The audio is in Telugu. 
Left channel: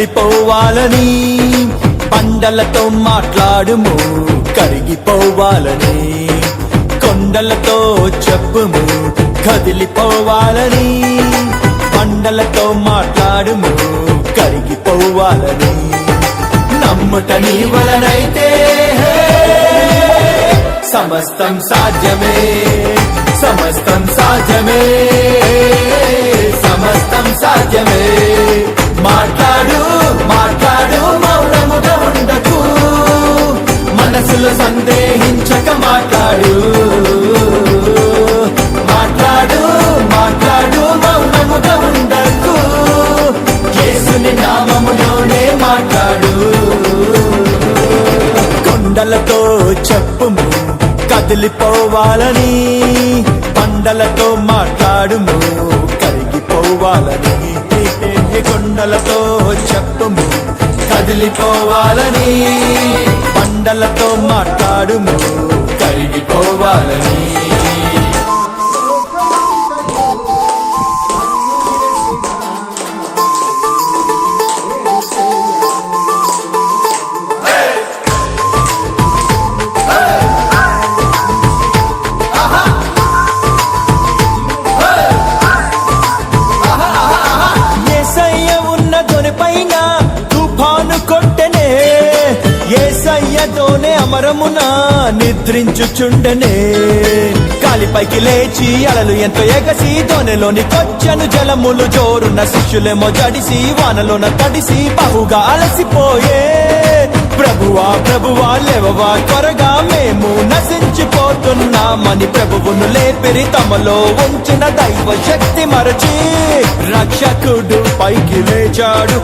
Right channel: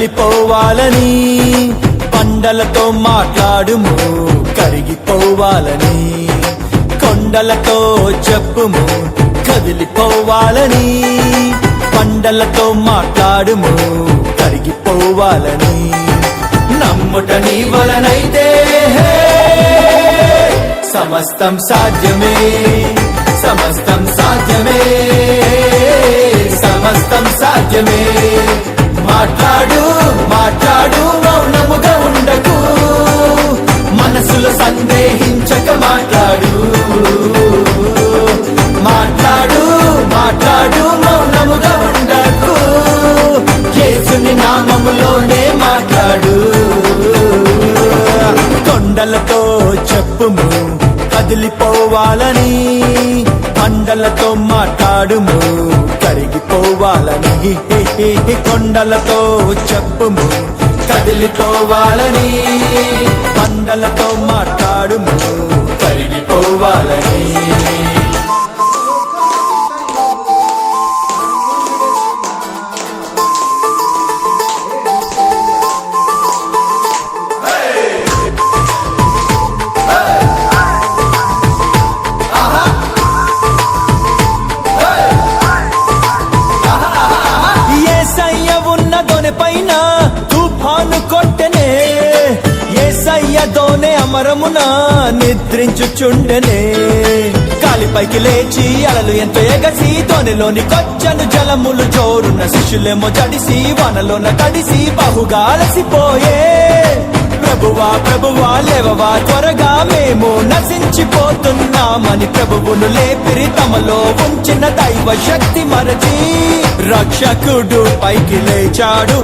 కదిలిపోవాలని పండలతో మాట్లాడుము కరిగిపోవాలని కొండలతో చెప్పుము కదిలిపోవాలని పండలతో మాట్లాడుము కరిగిపోవాలని నమ్ముట నీ వలనైతే సమస్తం సాధ్యమే సమస్తం సాధ్యమే సమస్తం సాధ్యమే మాట్లాడు మాట్లాడు మౌనముగా ఉండకు మనసులో సందేహించక మాట్లాడు మాట్లాడు మాట్లాడు మౌనముగా ఉండకు యేసుని నామములోనే మాట్లాడు కొండలతో చెప్పుము కదిలిపోవాలని పండలతో మాట్లాడుము కరిగిపోవాలని కొండలతో చెప్పుము కదిలిపోవాలని పండలతో మాట్లాడుము కరిగిపోవాలని అమరమున నిద్రించుచుండెనే కాలిపైకి లేచి అలలు ఎంతో ఎగసి తొనెలోని కొచ్చను జలములు జోరున శిష్యులేమో జడిసి వానలోన తడిసి బహుగా అలసిపోయే ప్రభువా ప్రభువా లేవవా త్వరగా మేము నశించిపోతున్నామని ప్రభువును లేపిరి తమలో ఉంచిన దైవ శక్తి మరచి రక్షకుడు పైకి లేచాడు